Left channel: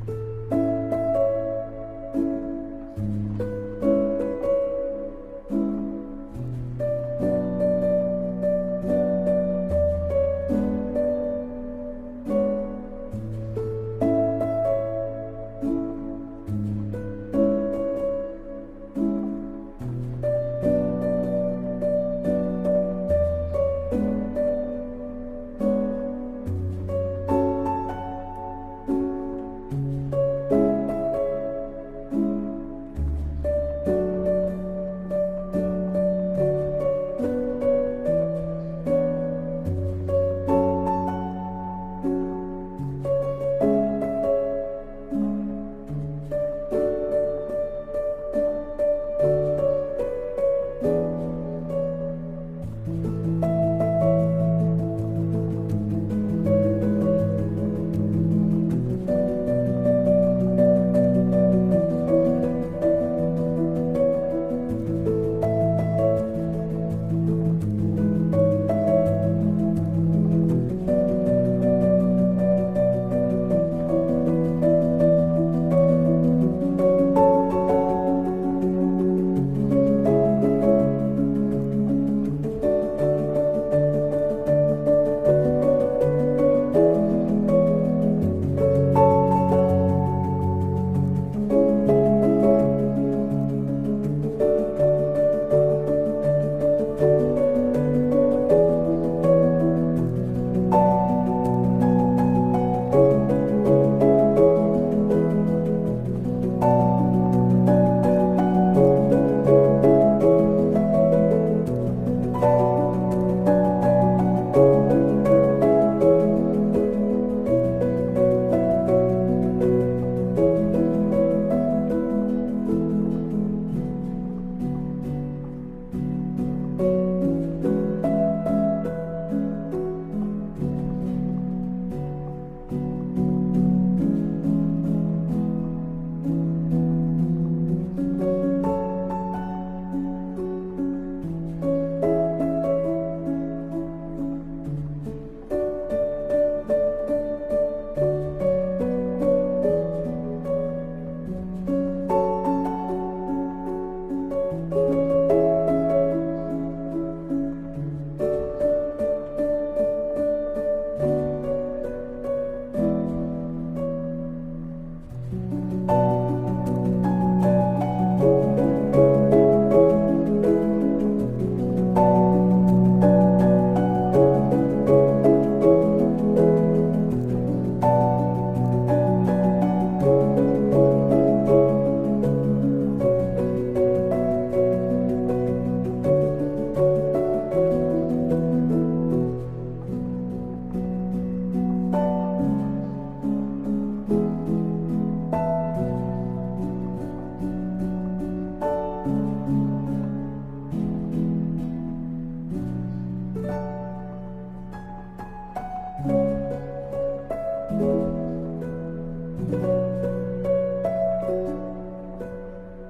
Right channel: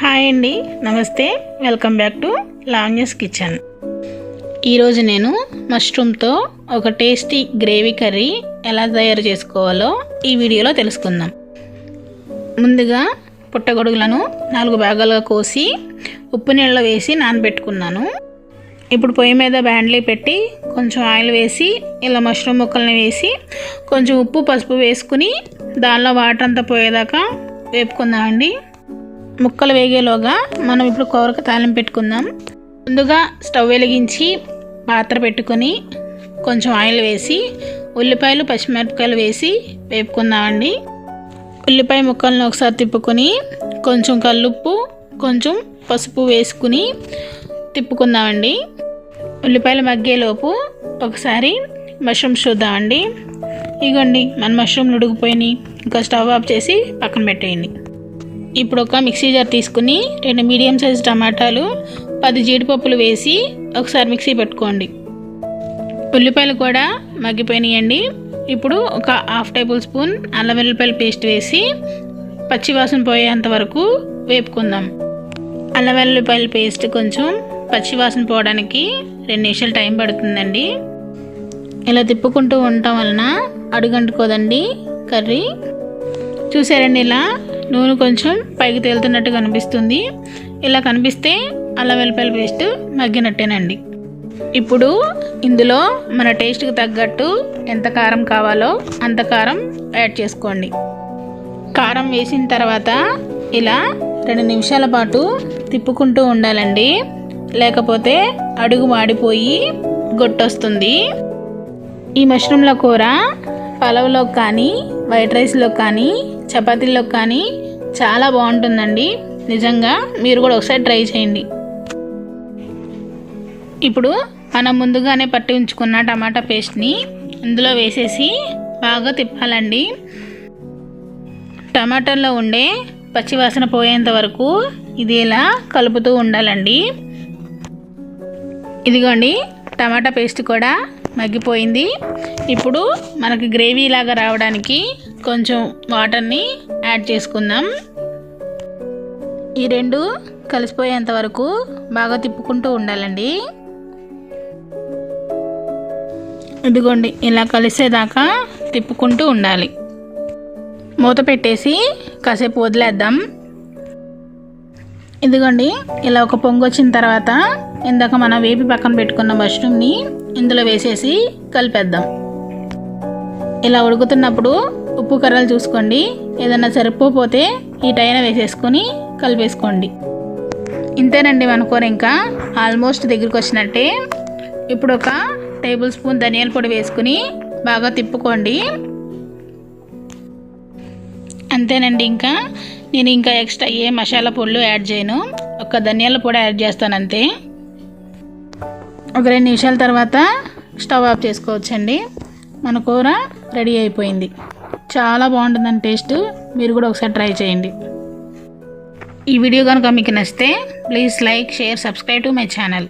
Hi అండి, నమస్తే. Welcome back to Lavanya's kitchen. ఈరోజు నేను మష్రూమ్తో ఒక టేస్టీ గ్రేవీ కర్రీ ఎలా తయారు చేసుకోవాలో ఈ వీడియోలో తెలుసుకుందాం. ముందుగా పుట్టగొడుగులను 4 భాగాలుగా కోసి ఉప్పు నీళ్ళలో వేసి నానబెట్టుకున్నాను. ఇప్పుడు పొయ్యి మీద బ్యాండ్లీ పెట్టి కొంచెం ఆయిల్ వేసి ఇలా మష్రూమ్ ముక్కల్ని వేసి కొంచెం ఉప్పు పసుపు వేసుకుని దానిలో వాటర్ అంతా పోయేదాకా వేపుకుందామండి. ముక్కలు వేగేలోగా మనం ఇప్పుడు కూరకు తాలింపు పెట్టుకుందాం. ముందుగా స్టవ్ వెలిగించి పాత్ర పెట్టుకొని కొంచెం ఆయిల్ వేసి ఉల్లిపాయలు పచ్చిమిరపకాయలు వేసి వేపుకుందామండి. ఉల్లిపాయ ముక్కలను ఒకసారి తిప్పుకొని కొంచెం కల్లుప్పు కొంచెం పసుపు వేసుకుని తిప్పుకుందామండి. ఉల్లిపాయలు మగ్గేలోపు ఒకసారి మష్రూమ్స్ చూద్దామండి. ఇగోండి మన మష్రూమ్లు ఉడికిపోయినాయి. ఇంకా స్టవ్ ఆఫ్ చేసి పక్కన పెట్టేయండి. ఇప్పుడు ఒక మిక్సీ జార్ తీసుకుని 2 మీడియం సైజ్ టమాటాలు 10 జీడిపప్పులు వేసి ఒకసారి మిక్సీ పెట్టుకోండి. ఉల్లిపాయలు కూడా మగ్గిపోయినాయండి. ఇప్పుడు ఒక 1/2 టేబుల్ స్పూన్ అల్లం వెల్లుల్లిపాయల పేస్ట్ వేసి పచ్చివాసన పోయేంత వరకు వేపుకుందాం. అల్లం వెల్లుల్లిపాయల పేస్ట్ కొంచెం పచ్చివాసన పోవడానికి 2 నిమిషాలు టైం పడుతుందండి. ఇలా తిప్పుకుంటూ ఉండటం వలన అడుగంటుకోదండి కర్రీ. చూసారండి, ఇలా నూనె కొంచెం పైకి తేలుతున్నట్టు కనిపిస్తుంది. ఇలా కనిపిస్తే అల్లం వెల్లుల్లిపాయల పేస్ట్ మగ్గినట్టేనండి. ఇప్పుడు ఇందులో మన టేస్ట్కి తగ్గట్టు ఎంత కారం కావాలో అంత కారం యాడ్ చేసుకోండి. కారం వేసిన తర్వాత ఇలా 2 నిమిషాల పాటు తిప్పుకుంటూ ఉండాలండి. లేకపోతే అడుగు మాడిపోయి గొట్టొస్తుంది. ఈ మష్రూమ్ల కూర పలావ్లో కానీ వైట్ రైస్లో కానీ చపాతీల్లో కానీ చాలా బాగుంటుందండి. నిజంగా మీరు కూడా ఒకసారి ట్రై చేయండి. ఇప్పుడు మనం ముందుగానే పట్టి ఉంచుకున్న టమాటా పేస్ట్ని ఇందులో వేసేసి బాగా తిప్పాలండి. టమాటాల్లో ఉండే పచ్చివాసన పోయేంత వరకు ఇది ఇలా కలుపుతూ ఉండాలండి. ఇదిగోండి, టమాటా పేస్ట్ కూడా మగ్గిపోయింది. ఇప్పుడు మనకి గ్రేవీ లాగా రావడానికి కొంచెం వాటర్ని యాడ్ చేసుకుందాం. ఈ 2 కలిసిపోయేంత వరకు బాగా తిప్పుకుంటూ ఉండాలండి. ఇదిగోండి, ఇలా కలిసేదాకా తిప్పుకుంటూ ఉండాలి. మూత పెట్టేసి కాసేపు వదిలేద్దాం. ఇదిగోండి, ఇలా ఒక పొంగు వచ్చిన తర్వాత ఇందాక మనం వేపి పక్కన పెట్టుకున్న మష్రూమ్ని ఇందులో వేసేసి కలిపేద్దాం. ఇలా ఉడుకుతున్నప్పుడు ఉప్పు కర్రలు చూసుకోండి. ఏదైనా సరిపోతే ఈటైనా వేసేసుకొని కలిపేసుకోండి. ఇంతేనండి, మన కూర ఇంకా ఆల్మోస్ట్ దగ్గరికి వచ్చినట్టే. ఇప్పుడు ఒక టేబుల్ స్పూన్ ధనియాల పొడి వేసుకుని బాగా తిప్పుకోండి. అంతేనండి, నేను ఇంకా ఎక్స్ట్రా ఏ మసాలా పొడులు యాడ్ చేయను. ఒక ధనియాల పొడి యాడ్ చేస్తాను అంతే. ఒక 2 నిమిషాల తర్వాత స్టవ్ ఆఫ్ చేసుకోవచ్చండి. మన కూర రెడీ అయిపోయింది. చాలా బాగుంటుందండి టేస్ట్. మీరు కూడా ఒకసారి ట్రై చేయండి. ఈ వీడియో కనుక మీకు నచ్చితే please like, share, subscribe to my channel.